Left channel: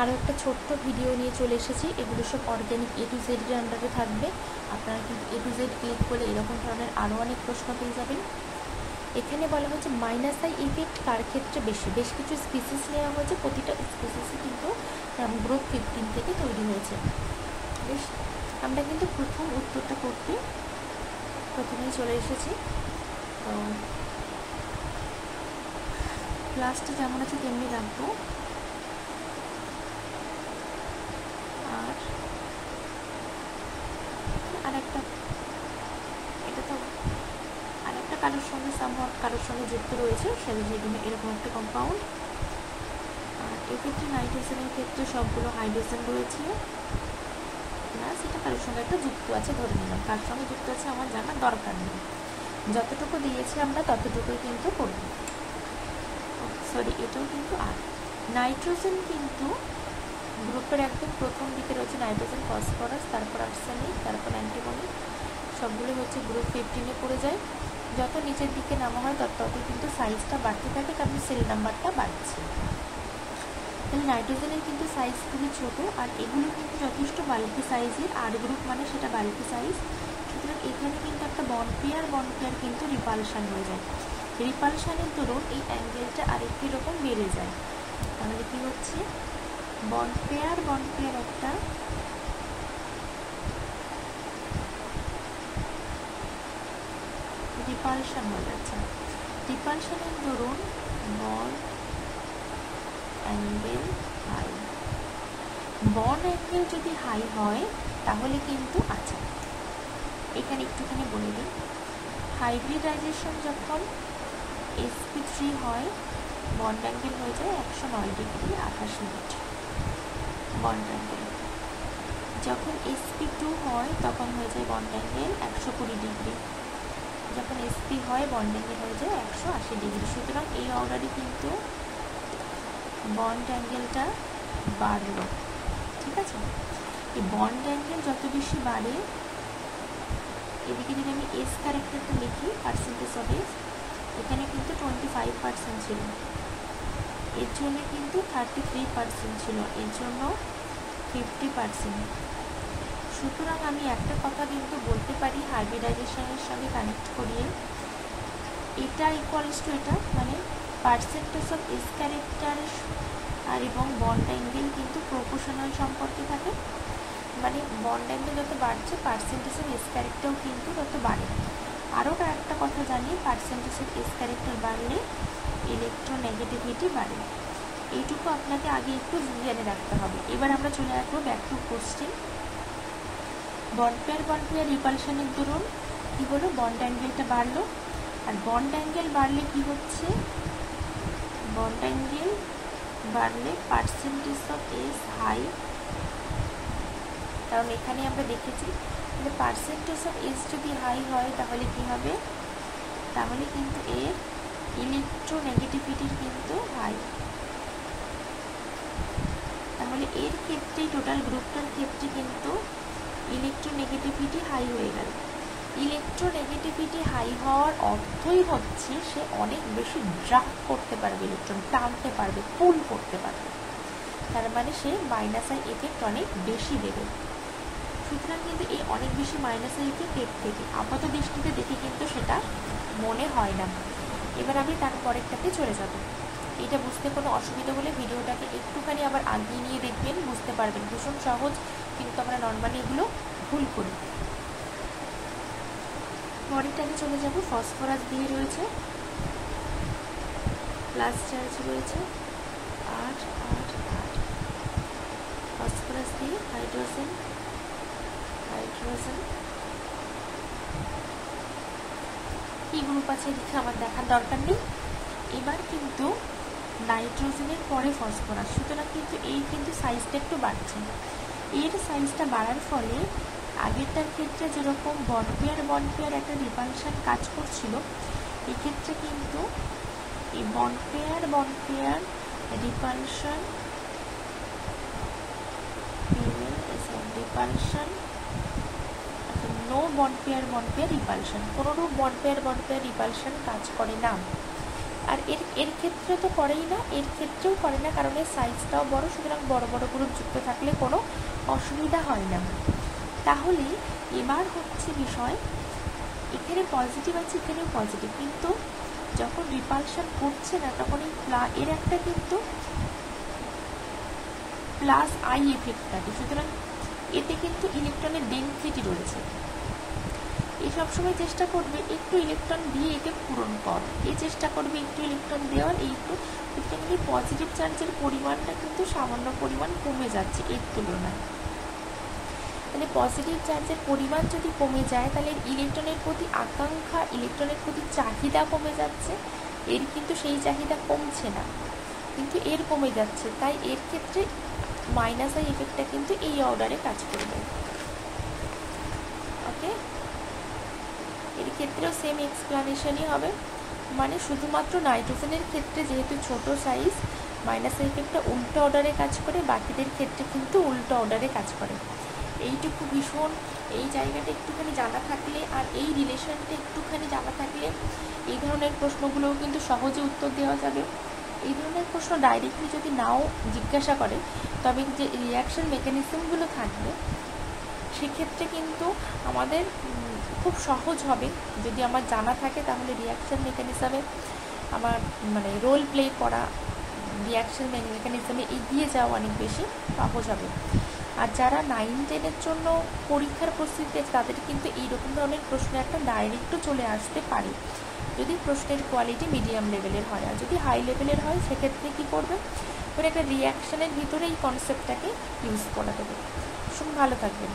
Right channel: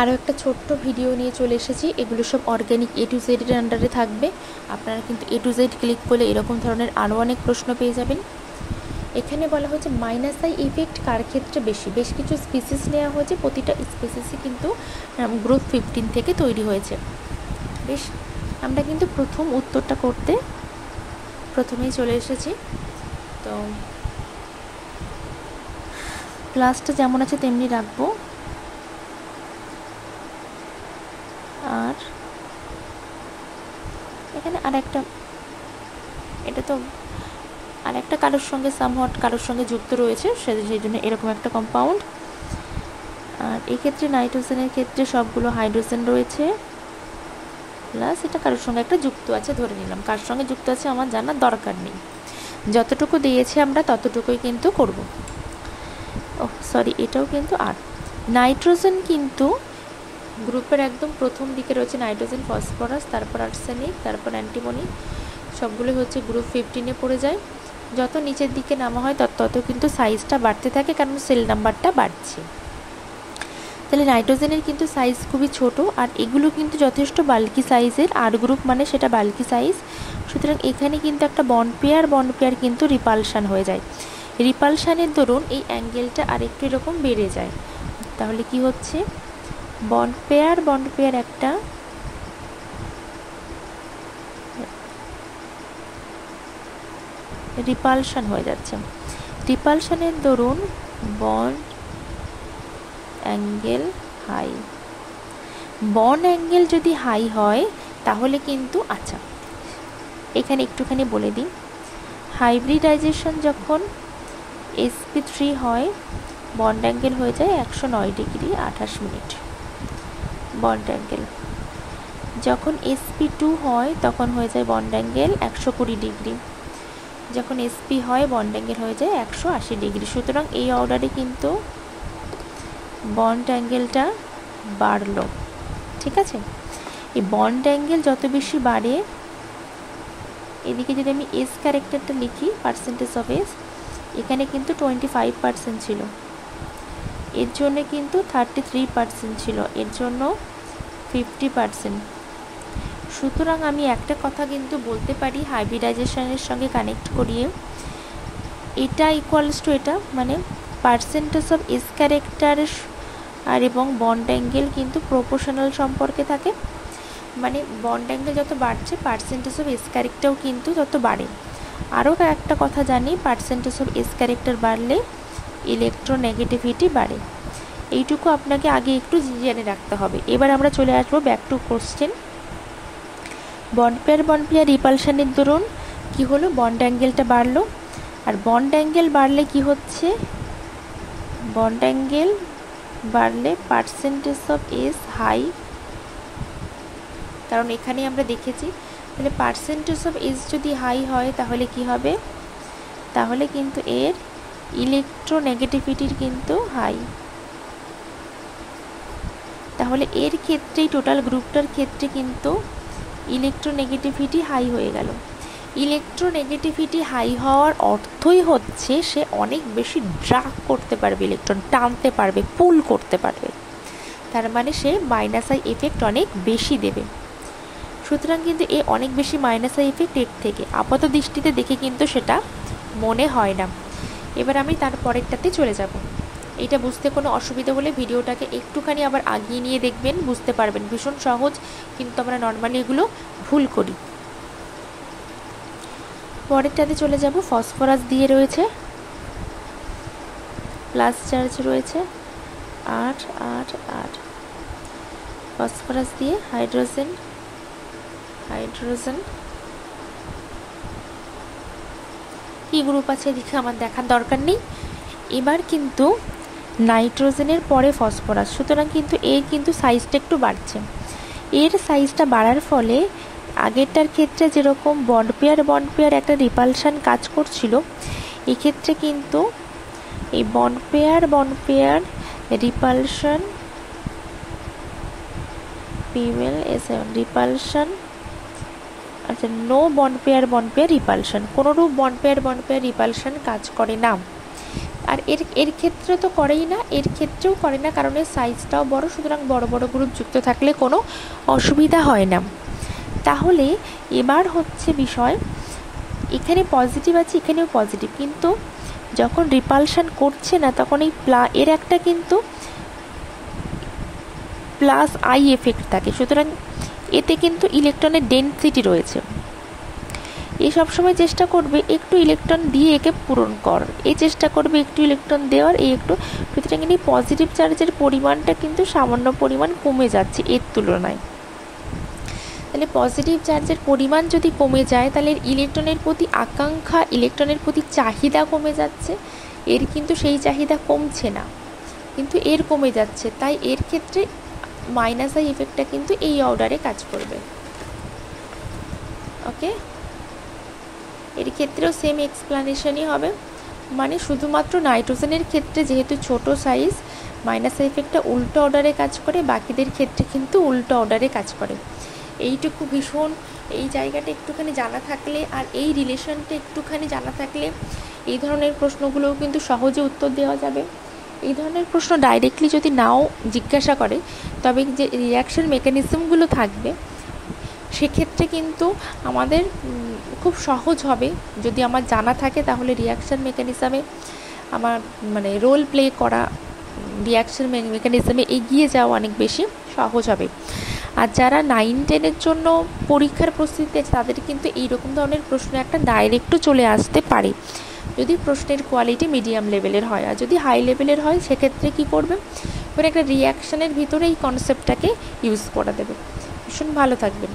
আরও একটা ছোট্ট ভিডিও নিয়ে চলে এসেছি। এগুলো সব অর্গ্যানিক A to Z এর আন্ডারে থাকবে। আপনারা কিন্তু A to Z ক্লিক করলে এরকম ধরনের আরও অনেক প্রশ্ন পেয়ে যাবেন। এখানে বলা হচ্ছে মাইনাস আই ইফেক্ট কার ক্ষেত্রে বেশি। বেশ কিছু স্পিসিস নেওয়া হয়েছে, প্রতিটা স্পিসিসই কিন্তু গ্রুপ 15 থেকে তৈরি হয়েছে। বেশ, আমরা কিন্তু প্রথম উত্তরটা করতে প্রথমেই চলে এসেছি। তো ক্লাসটা যেমন আছে তেমনি রাখবো। আর এখানে আরেকটা, এটা তো আরেকটা কারোর সঙ্গে সামহট কারোর সঙ্গে যুক্ত রয়েছে, সেই জন্য এরকম একটা কম্পাউন্ড। আর এই ক্ষেত্রে নাইট্রোজেনের ক্ষেত্রে সবগুলো হাইড্রোজেন রয়েছে, প্লাস এটা কারোর সঙ্গে একটা যুক্ত আছে ধরে নিলাম। কার সঙ্গে যুক্ত আছে আমার জানার দরকার নেই, যতটুকু দিয়েছি আমরা ততটুকুই কিন্তু করব। ও সরি, এটাও কিন্তু আর নাইট্রোজেন কিন্তু গ্রুপের একদম প্রথম দিকে রয়েছে নাইট্রোজেন, ফসফরাস, তারপর আর্সেনিক, তারপর অ্যান্টিমনি, সবগুলো হচ্ছে গ্রুপ 15-এ পড়ে যায়। যত নিচের দিকে নামা হয় তত কিন্তু সাইজটা বাড়তে থাকে, কারণ সেল নাম্বারটা বাড়ছে। তাহলে নাইট্রোজেনের কিন্তু সাইজ খুবই ছোট, আর এগুলো কিন্তু যথেষ্ট বাল্কি সাইজের। আর গ্রুপ মানে সেটা বাল্কি সাইজ, সুতরাং এখানে কিন্তু একটা বন্ড পেয়ার কিন্তু রিপালশান হয়ে যায়। রিপালশানের দরুন এই অ্যাঙ্গেলটা আরেকটু এরকম বেড়ে যায়। তাহলে কি হচ্ছে, বন্ড পেয়ার একটা রিপালশান হয়ে যাচ্ছে। রিপালশানের দরুন bond angle high. Bond angle যদি হাই হয় তাহলে কিন্তু, আচ্ছা এখানে একটুখানি বলে দিই, হাইব্রিডাইজেশন যখন sp3 হয় বন্ড অ্যাঙ্গেল হয়ে যায় 109 ডিগ্রি 28 মিনিট বন্ড অ্যাঙ্গেল। যখন sp2 হয় তখন হয়ে যায় বন্ড অ্যাঙ্গেল 120 ডিগ্রি। যখন sp হয় বন্ড অ্যাঙ্গেল হয়ে যায় 180 ডিগ্রি। সুতরাং এই অর্ডারে কিন্তু বন্ড অ্যাঙ্গেলটা বাড়লো, ঠিক আছে। এই বন্ড অ্যাঙ্গেল যত বেশি বাড়ে, এদিকে যদি আমি এস ক্যারেক্টারটা লিখি, পার্সেন্টেজ অফ এস, এখানে কিন্তু 25% ছিল, এর জন্য কিন্তু 33% ছিল, এর জন্য 50%। সুতরাং আমি একটা কথা কিন্তু বলতে পারি হাইব্রিডাইজেশনের সঙ্গে কানেক্ট করিয়ে, এটা ইকুয়ালস টু এটা, মানে পার্সেন্টেজ অফ এস ক্যারেক্টার আর এবং বন্ড অ্যাঙ্গেল কিন্তু প্রপোর্শনাল সম্পর্কে থাকে। মানে বন্ড অ্যাঙ্গেল যত বাড়ছে পার্সেন্টেজ অফ এস ক্যারেক্টারও কিন্তু তত বাড়ে। আরও একটা কথা জানি, পার্সেন্টেজ অফ এস ক্যারেক্টার বাড়লে ইলেকট্রোনেগেটিভিটি বাড়ে। এইটুকু আপনাকে আগে একটু জেনে রাখতে হবে। এবার আমরা চলে আসবো back to question. Bond pair রিপালশনের দরুন কি হলো, বন্ড অ্যাঙ্গেলটা বাড়লো। আর বন্ড অ্যাঙ্গেল বাড়লে কি হচ্ছে, বন্ড অ্যাঙ্গেল বাড়লে পার্সেন্টেজ অফ এস হাই, কারণ এখানে আমরা দেখেছি। তাহলে পার্সেন্টেজ অফ এস যদি হাই হয় তাহলে কি হবে, তাহলে কিন্তু এর ইলেকট্রোনেগেটিভিটির কিন্তু হাই। তাহলে এর ক্ষেত্রেই টোটাল গ্রুপটার ক্ষেত্রে কিন্তু ইলেকট্রোনেগেটিভিটি হাই হয়ে গেল। ইলেকট্রোনেগেটিভিটি হাই হওয়ার অর্থই হচ্ছে সে অনেক বেশি ড্রাগ করতে পারবে, ইলেকট্রন টানতে পারবে, পুল করতে পারবে, তার মানে সে মাইনাস আই এফেক্ট অনেক বেশি দেবে। সুতরাং কিন্তু এ অনেক বেশি মাইনাস আই এফেক্ট এর থেকে আপাত দৃষ্টিতে দেখে কিন্তু সেটা মনে হয় না। এবার আমি তার পরেরটাতে চলে যাব। এইটা বুঝতে কোনো অসুবিধা হলে ভিডিওটাকে একটুখানি আবার আগিয়ে নিয়ে দেখবেন, বুঝতে পারবেন। ভীষণ সহজ, কিন্তু আমরা নর্মালি এগুলো ভুল করি। পরেরটাতে চলে যাব। ফসফরাস দিয়ে রয়েছে, প্লাস চার্জ রয়েছে 8 8 8। ফসফরাস দিয়ে হাইড্রোজেন কি গ্রুপ আছে এদিকে আমার দেখার দরকার নেই। এবার কিন্তু নাইট্রোজেনের পরে ফসফরাস, সুতরাং কিন্তু এর কিন্তু সাইজটা একটু বাড়ছে। এর সাইজটা বাড়ার ফলে আগেরটার ক্ষেত্রে যেরকম বন্ড পেয়ার একটা রিপালশান কাজ করছিল, এক্ষেত্রে কিন্তু এই বন্ড পেয়ার রিপালশান রিপালশান, আচ্ছা নো বন্ড পেয়ার রিপালশান, কোনোরূপ বন্ড পেয়ার রিপালশান কাজ করে না। আর এর এর ক্ষেত্রে তো করেই না, এর ক্ষেত্রেও করে না, কারণ এর সাইজটাও বড়, সুতরাং বড় বড় গ্রুপ যুক্ত থাকলে কোনো অসুবিধা হয় না। তাহলে এবার হচ্ছে বিষয়, এখানে পজিটিভ আছে, এখানেও পজিটিভ, কিন্তু যখন রিপালশন করছে না তখন এই এর একটা কিন্তু প্লাস আই এফেক্ট থাকে, সুতরাং এতে কিন্তু ইলেকট্রনের ডেনসিটি রয়েছে। এ সবসময় চেষ্টা করবে একটু ইলেকট্রন দিয়ে একে পূরণ কর, এই চেষ্টা করবে একটু ইলেকট্রন দেওয়ার, এই একটু, সুতরাং এই পজিটিভ চার্জের পরিমাণটা কিন্তু সামান্য পরিমাণ কমে যাচ্ছে এর তুলনায়। তাহলে পজিটিভ চার্জের পরিমাণ যদি কমে যায় তাহলে ইলেকট্রনের প্রতি আকাঙ্ক্ষা, ইলেকট্রনের প্রতি চাহিদা কমে যাচ্ছে, এর কিন্তু সেই চাহিদা কমছে না, কিন্তু এর কমে যাচ্ছে, তাই এর ক্ষেত্রে মাইনাস আই এফেক্টটা কিন্তু এই অর্ডারে কাজ করবে। ওকে, এর ক্ষেত্রেও সেম এক্সপ্লানেশনই হবে, মানে শুধুমাত্র নাইট্রোজেনের ক্ষেত্রে যেহেতু ছোট সাইজ মাইনাস আই এফেক্টটা উল্টো অর্ডারে কাজ করে, বাকিদের ক্ষেত্রে কিন্তু উল্টো অর্ডারে কাজ করে। এইটুকু ভীষণ, এই জায়গাটা একটুখানি জানা থাকলে আর এই রিলেশনটা একটুখানি জানা থাকলে এই ধরনের প্রশ্নগুলোও কিন্তু সহজে উত্তর দেওয়া যাবে। এই ধরনের প্রশ্ন ডাইরেক্টলি যদি নাও জিজ্ঞাসা করে, তবে যে রিয়াকশন মেকানিজমগুলো থাকবে সেক্ষেত্রে কিন্তু আমাদের খুব সহজ হবে, যদি আমার জানা থাকে তাহলে রিয়াকশন মেকানিজমে আমার মানে রোল প্লে করা, রিয়াকশন মেকানিজমে এগিয়ে যাওয়া অনেক বেশি সহজ হবে। আর যারা 9-10-এর জন্য পরীক্ষার প্রস্তুতি আছে তাদের কিন্তু এইরকম ধরনের প্রশ্ন একটা ডাইরেক্টও চলে আসতে পারে, যদি প্রশ্নের কোয়ালিটি মিডিয়াম লেভেলের হয়। আর যদি হাই লেভেলের হয় সেক্ষেত্রে কী করবে, ওরা একটা রিয়াকশানের ভিতরে এই কনসেপ্টটাকে ইউজ করে দেবে। ভীষণ ভালো থাকবেন।